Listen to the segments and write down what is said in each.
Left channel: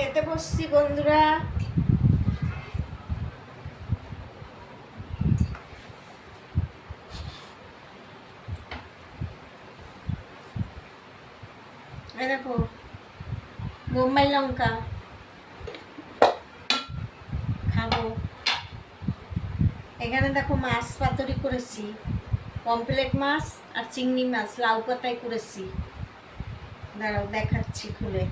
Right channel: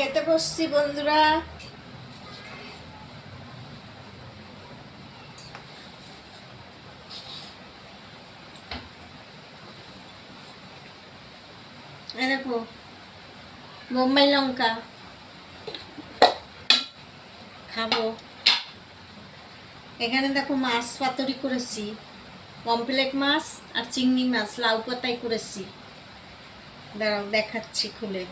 খেতে বসছি বন্ধুরা। এই দেখো বোম্বাই লঙ্কা খাবো। এখানে দেখো মাছ পাতুরি করেছি, পমফ্রেট মাছ আর চিংড়ি মাছ লাউ পাতায় করেছি। দাঁড়াও দেখাচ্ছি খুলে।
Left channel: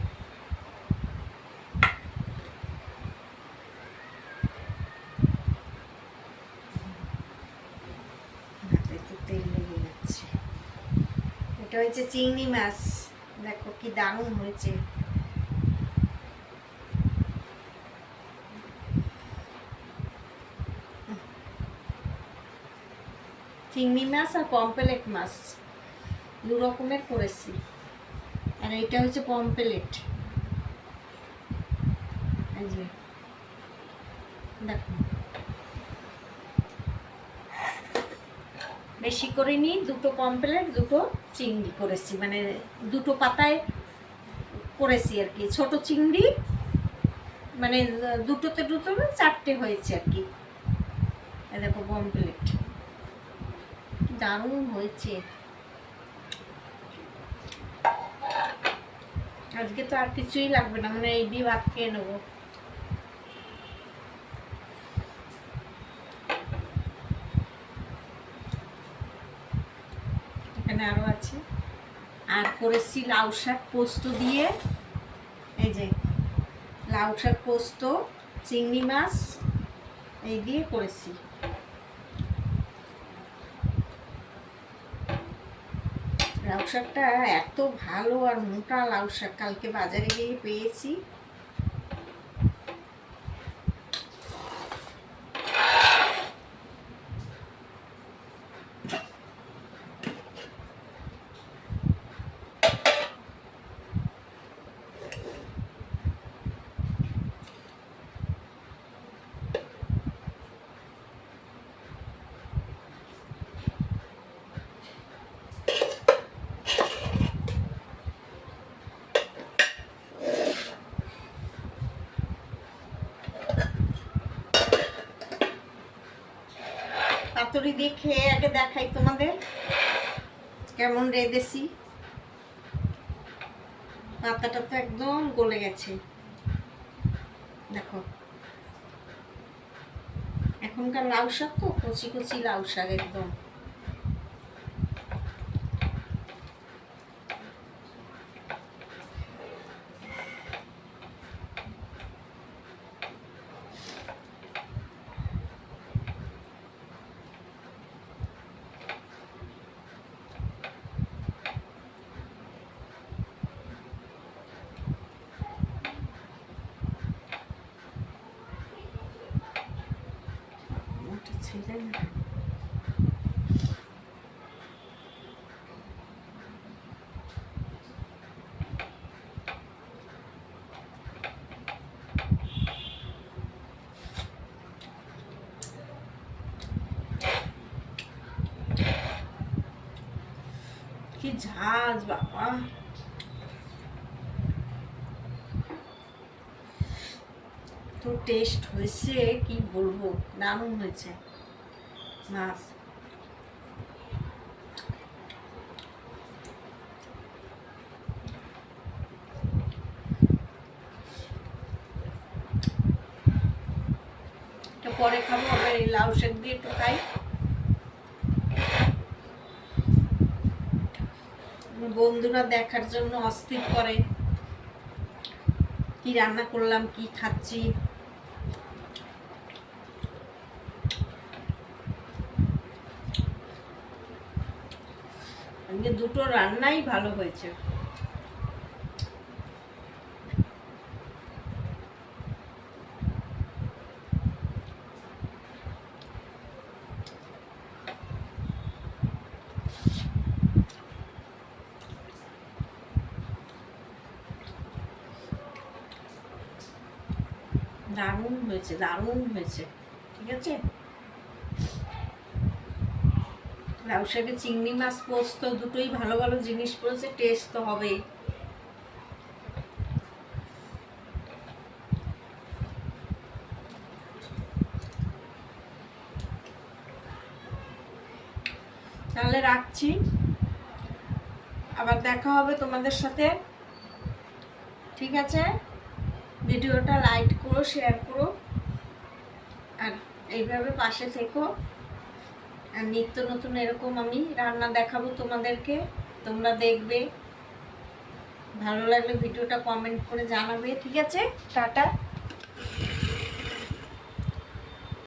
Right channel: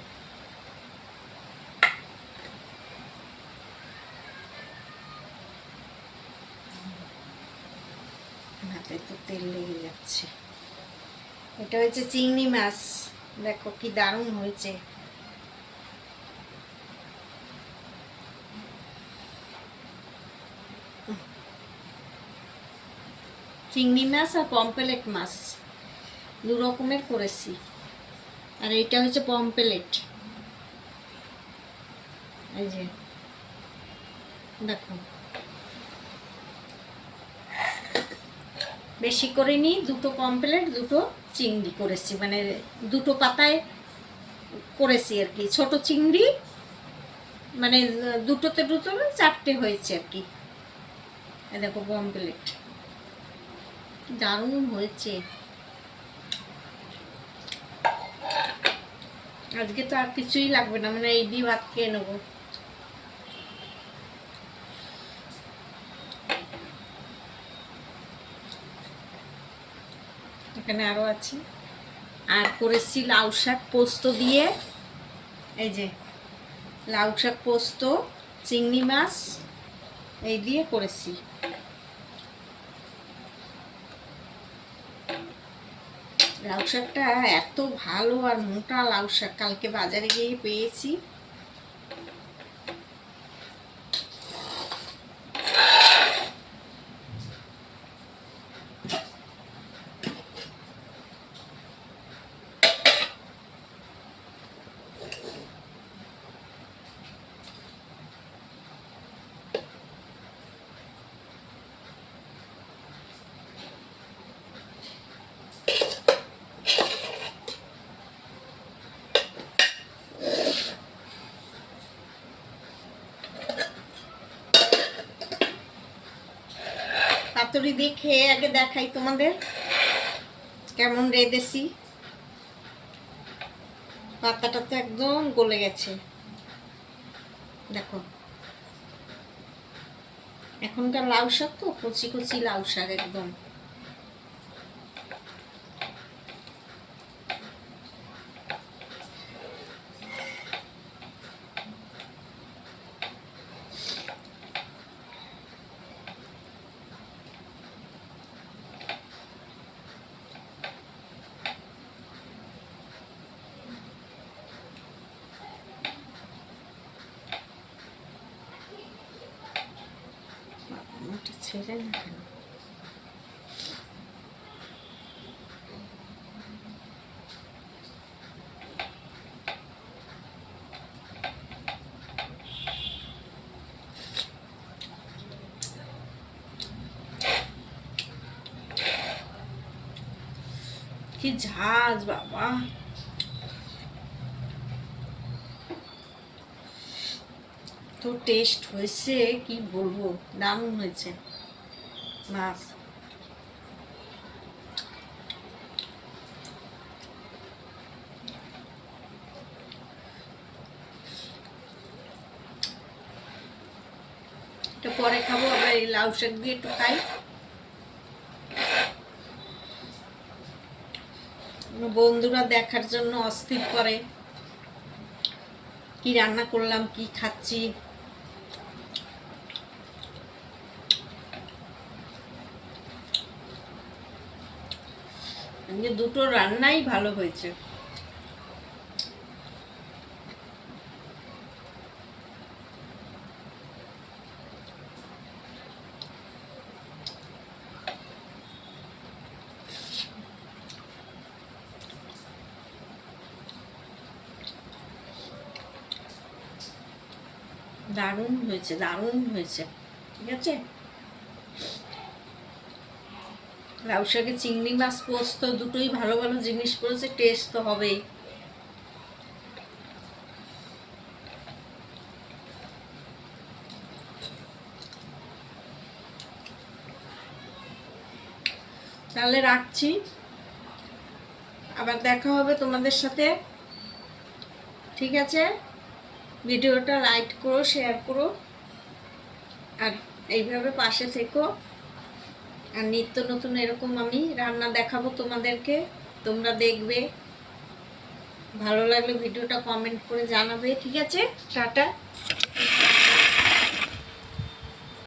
হাতে তো তেল লেগে যাচ্ছে। এটা হচ্ছে চিংড়ি মাছ, দেখো কি দারুণ হয়েছে। চিংড়ি মাছ আর পমফ্রেট মাছ দু রকমের করেছি। আর এটা হচ্ছে পমফ্রেট, এই যে দেখো বেশি করে নিই, দুটো পমফ্রেট দুটো চিংড়ি করেছি, মানে দুটো পাতায় করেছি আর কি। ছোট চিংড়ি মানে দুটোতে দুটো না চারটে হয়েছে আর কি। এই দেখো পমফ্রেট দারুণ হয়েছে। আজকে তো আর কিছুই লাগবে না, মানে এই দিয়ে ভাত খেয়ে নেবো। এখানে আরো আছে। আর করেছি লাউ শাক পোস্ত দিয়ে, এই যে লাউ শাক পোস্ত চিংড়ি মাছ এই দিয়ে করেছি। লাউ শাকটা এত ভালো আর মোটা লাউ শাক, কালকে বাজারে গিয়ে পেয়েছি। পাতুরি দিয়ে খেয়ে আগে দেখাই তোমাদের কেমন রেঁধেছি। পাতাটা তো একদম গলে গেছে, দেখো। এখনকার লাউ শাক তো কচি কচি লাউ শাক একদম। ছেড়ে না কেন? কি ঝাঁজ বাবা, তো টেস্ট হয়েছে কি বলবো, দারুণ হয়েছে মাছ। এটা পরে খাবো, আবার এই লাউ শাক দিয়ে একটু খাই। বন্ধুরা দেখার জন্য অস্থির করে কি রান্না করলাম, কি খাচ্ছি। দুটো রান্নাই ভালো হয়েছে। দারুণ হয়েছে, দারুণ হয়েছে। ঠিক আছে, লাউ শাকে চিংড়ি মাছ পোস্ত দুটোই ভালো ভালো জিনিস পড়েছে, টেস্ট তো হবেই। তাহলে রাখছি, আবার দেখা হবে তোমাদের সাথে। ঠিক আছে, ভিডিওটা লাইক করো, শেয়ার করো, আর এইভাবে পাশে থেকো। আর নিত্য নতুন এরকম আমি রান্না দেখাবো তোমাদেরকে, তোমরা দেখবে। ভালো লাগলে ভিডিওটা কমেন্ট করে জানাবে। ঠিক আছে, টাটা।